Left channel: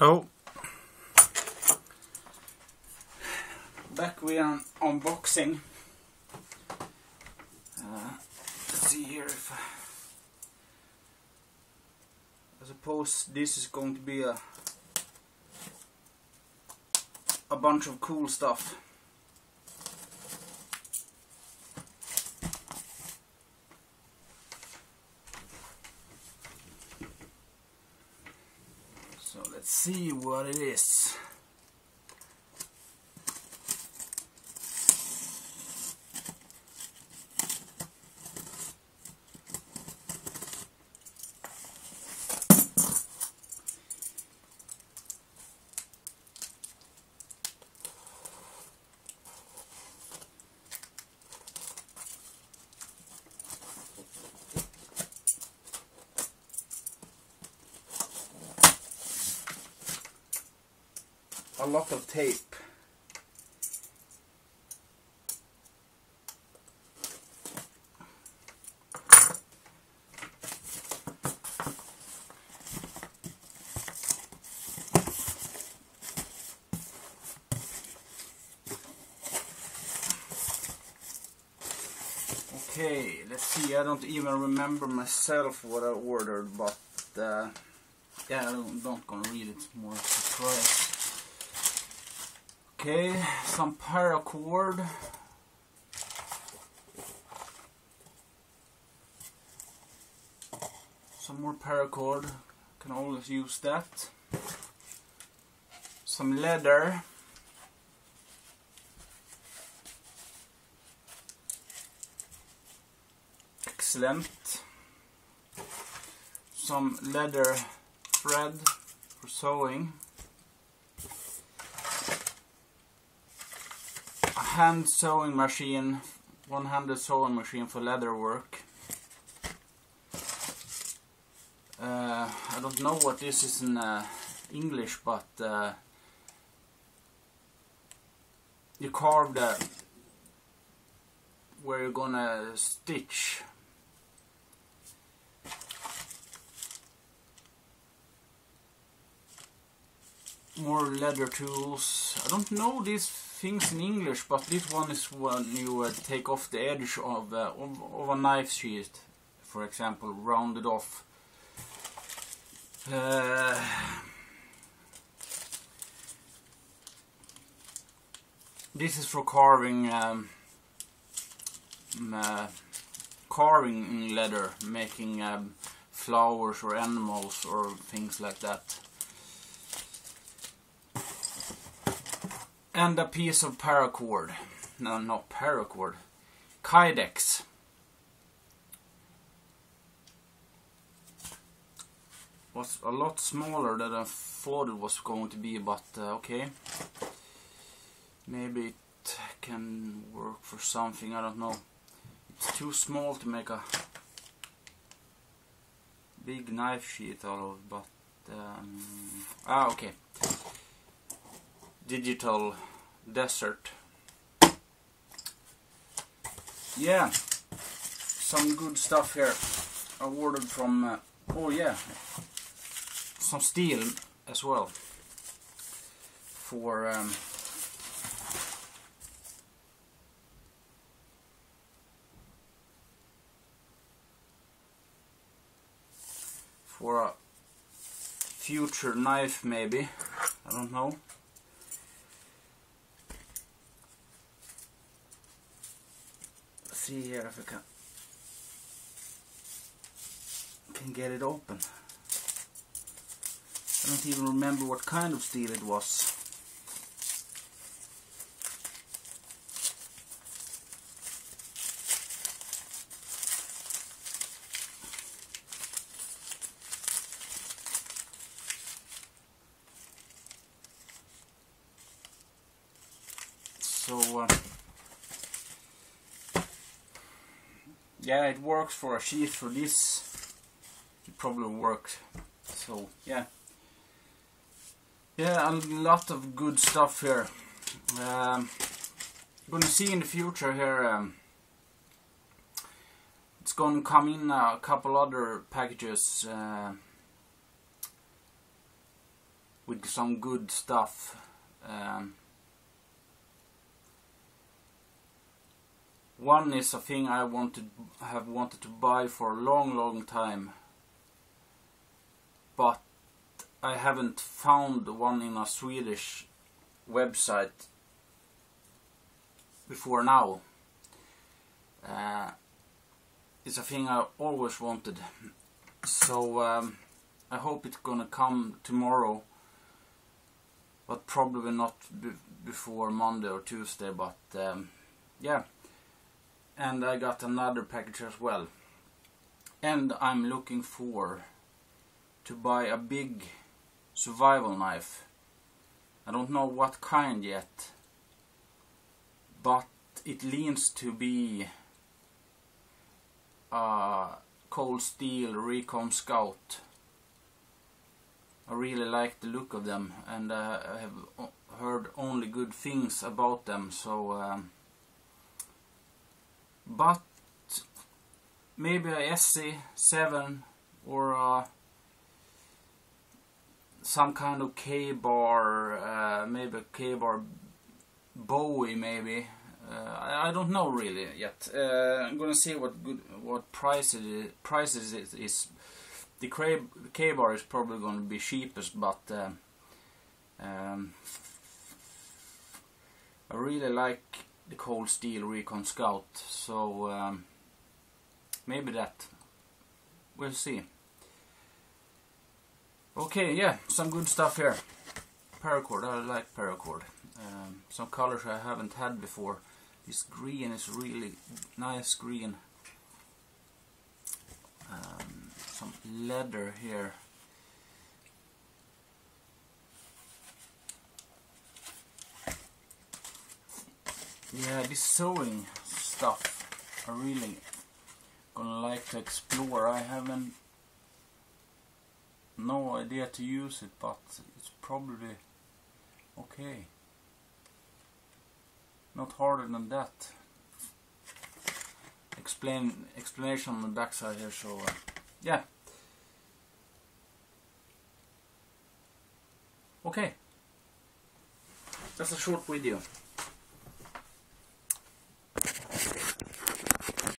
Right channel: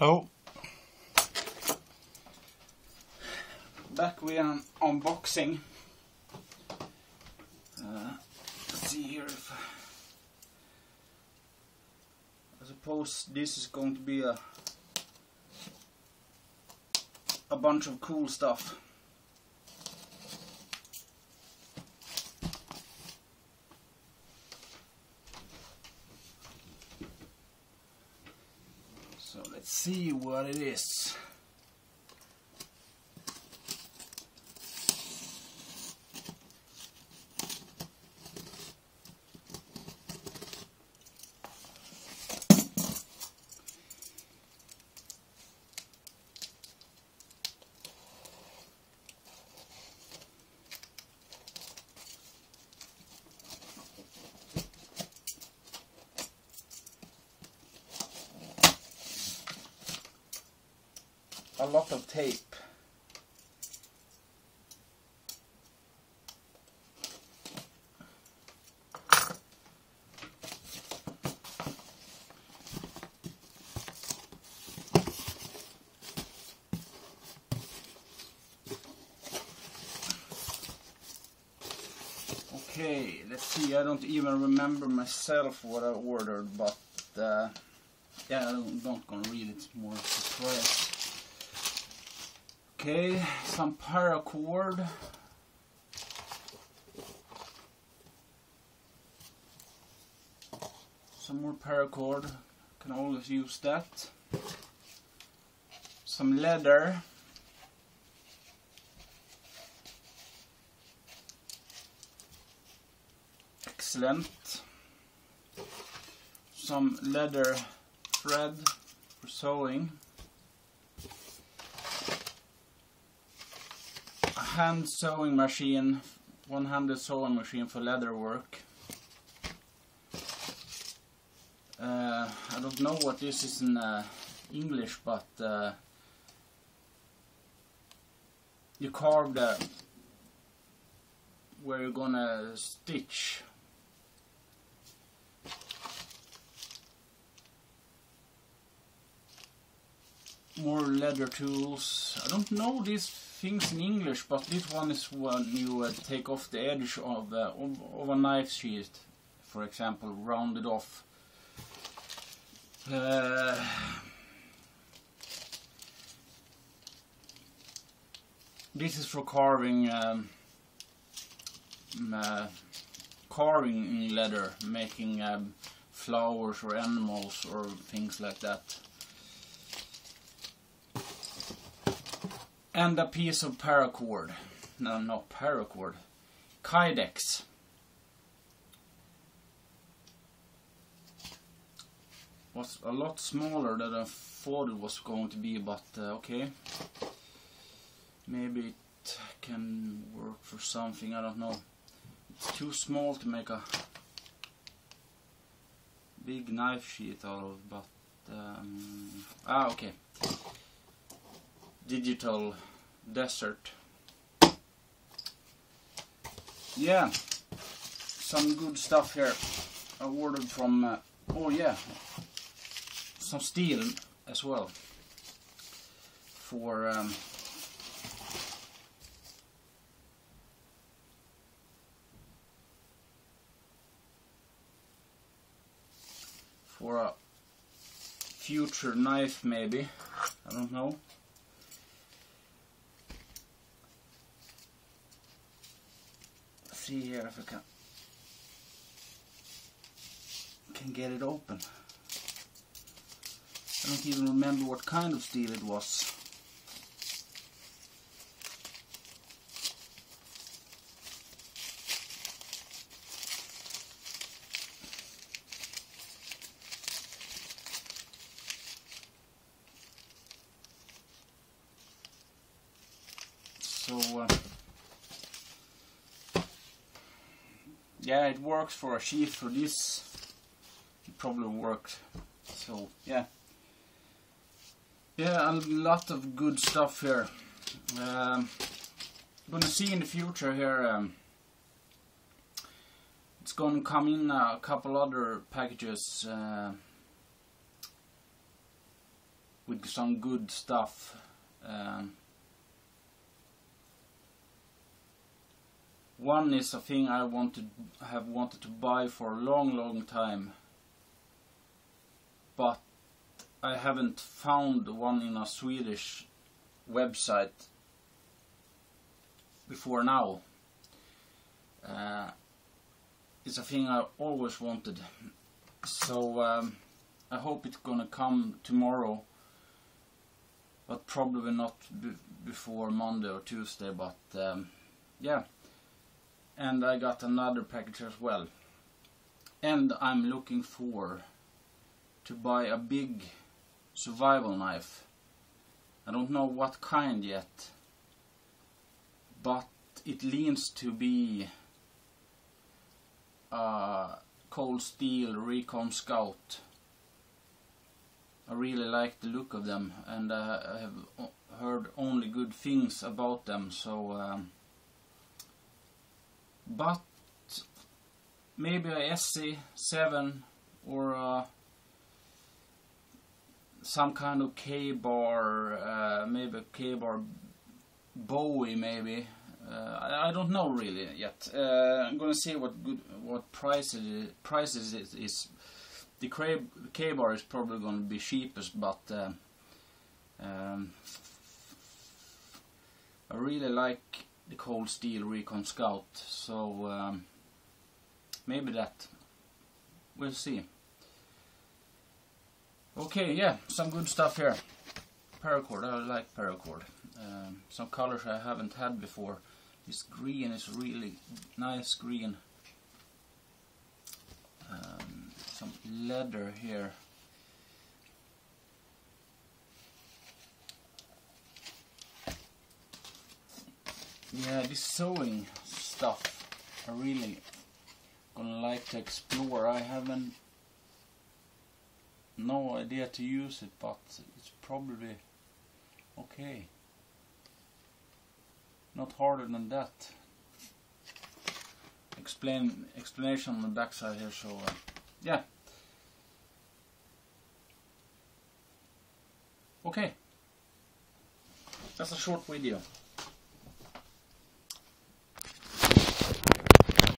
Oh, back with an unboxing. Let's see here if I suppose this is going to be a bunch of cool stuff. So let's see what it is. A lot of tape. Okay, let's see. I don't even remember myself what I ordered, but yeah, I'm not gonna read it. It's more a surprise. Okay, some paracord. Some more paracord. Can always use that. Some leather. Excellent. Some leather thread for sewing. Hand sewing machine, one-handed sewing machine for leather work. I don't know what this is in English, but you carve where you're gonna stitch. More leather tools. I don't know these things in English, but this one is when you take off the edge of a knife sheath, for example, round it off. This is for carving, carving in leather, making flowers or animals or things like that. And a piece of paracord. No, not paracord. Kydex. Was a lot smaller than I thought it was going to be, but okay. Maybe it can work for something, I don't know. It's too small to make a big knife sheath out of, but okay. Digital desert. Yeah, some good stuff here. I ordered from oh yeah, some steel as well for a future knife, maybe. I don't know. See here if I can get it open. I don't even remember what kind of steel it was. So yeah, it works for a sheath. For this it probably worked. So yeah, a lot of good stuff here. Gonna see in the future here, it's gonna come in a couple other packages with find some good stuff. One is a thing I have wanted to buy for a long time, but I haven't found one in a Swedish website before now. It's a thing I always wanted, so I hope it's gonna come tomorrow, but probably not before Monday or Tuesday, but yeah. And I got another package as well, and I'm looking to buy a big survival knife. I don't know what kind yet, but it leans to be a Cold Steel Recon Scout. I really like the look of them, and I have heard only good things about them, so but maybe a SC7 or some kind of K-bar, maybe a K-bar Bowie, maybe. I don't know really yet. I'm gonna see what prices it is. The K-bar is probably gonna be cheapest, but I really like the Cold Steel Recon Scout, so maybe that. We'll see. Okay, yeah, some good stuff here. Paracord, I like paracord. Some colors I haven't had before. This green is really nice green. Some leather here. Yeah, this sewing stuff I really gonna like to explore. I haven't no idea to use it, but it's probably okay. Not harder than that. Explanation on the back side here, so yeah. Okay. That's a short video.